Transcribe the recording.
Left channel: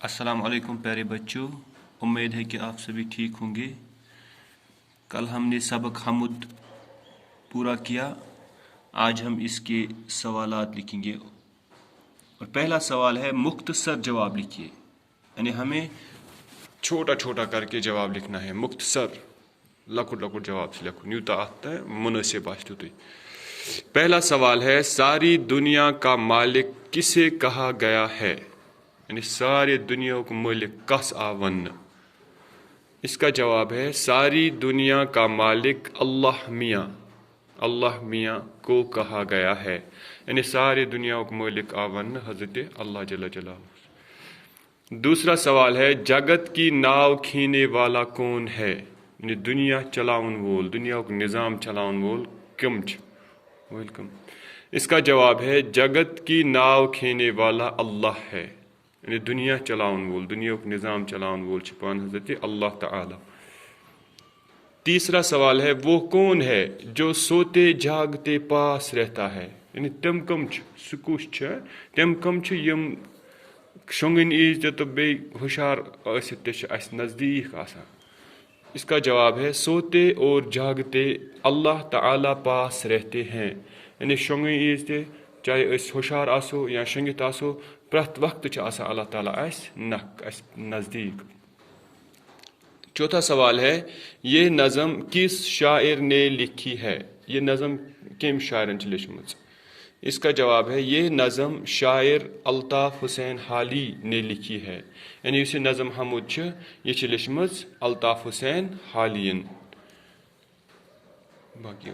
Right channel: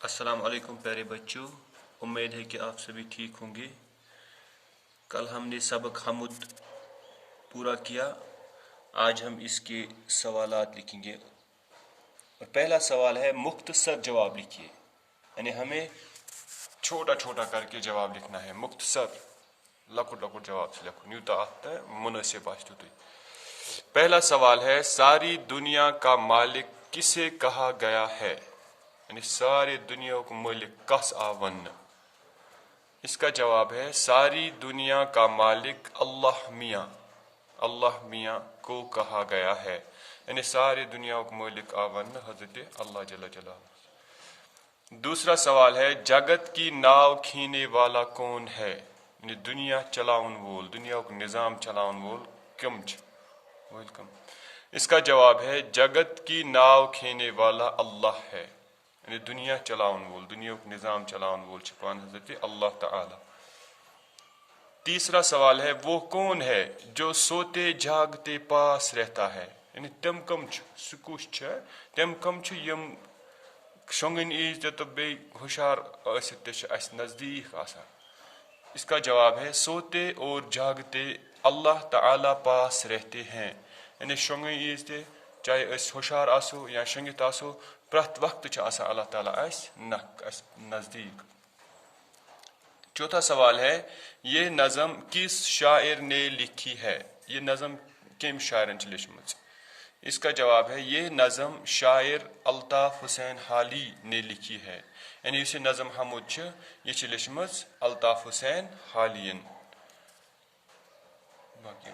السلام علیکم پیارے بچوں، امید ہے کہ آپ سبھی ٹھیک ہوں گے۔ کل ہم نے سبق حمد پورا کیا، آج ہم اس کے سوالات لکھیں گے۔ اور پہلا سوال ہے مختصر جواب لکھیے، یعنی ہمیں چھوٹا چھوٹا کر کے جواب لکھنا ہے، مختصر لکٹ لکٹ جواب سے لکھو نیوتا آتا ہے مناسب آسو تھی۔ پہلا سوال ہے ساری دنیا کا مالک کسے کہا گیا ہے؟ یعنی ساری دنیا کو مالک کس آ ون؟ اس کا جواب ہے ساری دنیا کا مالک اللہ میاں کو کہا گیا ہے، یعنی ساری دنیا کو مالک آ ون حضرت اللہ جل جلالہ۔ دوسرا سوال ہے جگت کی ناؤ کھینے والا کون ہے؟ یعنی دنیا چلاون وول، دنیا کو نظام چلاون وول کم چھ؟ ویلکم۔ اس کا جواب ہے جگت کی ناؤ کھینے والا اللہ ہے، یعنی دنیا چلاون وول، دنیا کو نظام چلاون وول چھپان حضرت اللہ تعالی۔ تیسرا سوال ہے وہ کون ہے جو سوتے جاگتے پاس رہتا ہے؟ یعنی تم کم چھ، سکوش چھ تم کم چھ یم شونگن ایز تو بے ہوشار ٲسِتھ تہِ چھِ اس نزدیک آسان۔ اس کا جواب ہے سوتے اور جاگتے اللہ تعالی پاس رہتے ہیں، یعنی شونگن ایز تہِ چاہے اس ہوشار آسو یا شنگت آسو پرت وقت چھ آسان اللہ تعالیٰ اس نزدیک۔ چوتھا سوال ہے یہ نظم کس شاعر نے لکھی ہے؟ یہ نظم کم شاعرن چھ لیچھمژ؟ اس کا جواب ہے یہ نظم شاعر الطاف حسین حالی نے لکھی ہے، یعنی اس نظم حمد چھ یہ چھ لیچھمژ الطاف حسین حالین۔ باقی